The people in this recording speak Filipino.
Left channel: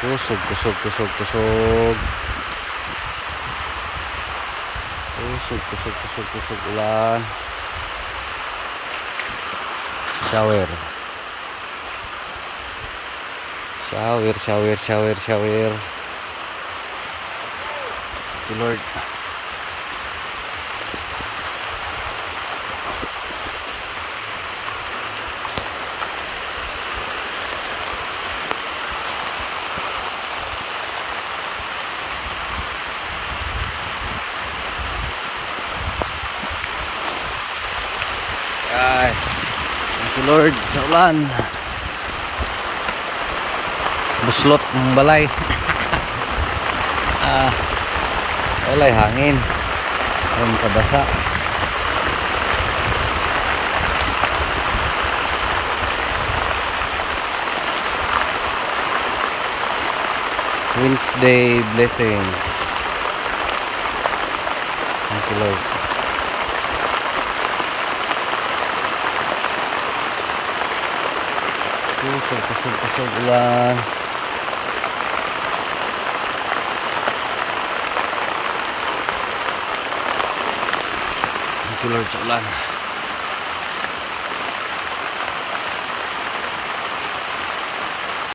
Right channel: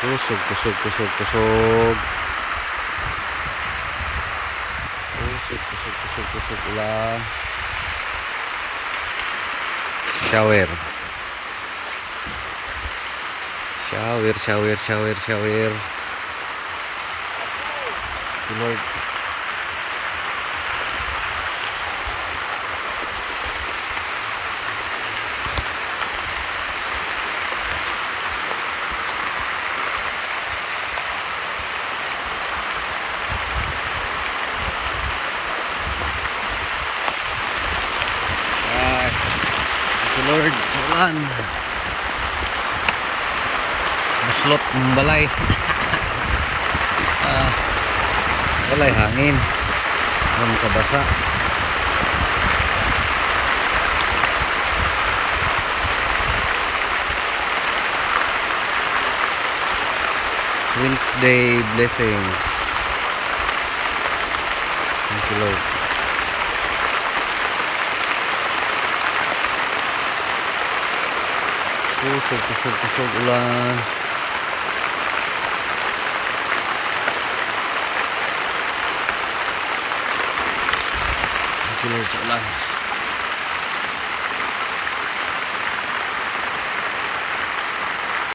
Kusog, kusog, kusog, kusog. Kusog, kusog, kusog, kusog ulan. Shower. Shower, shower, shower, shower. Lord. Ay, thank you Lord sa ulan. Buslot ng balay. Walay hangin. Ang kabasa. Wednesday blessings. Thank you Lord. Kusog, kusog, kusog ulan. Thank you Lord sa ulan.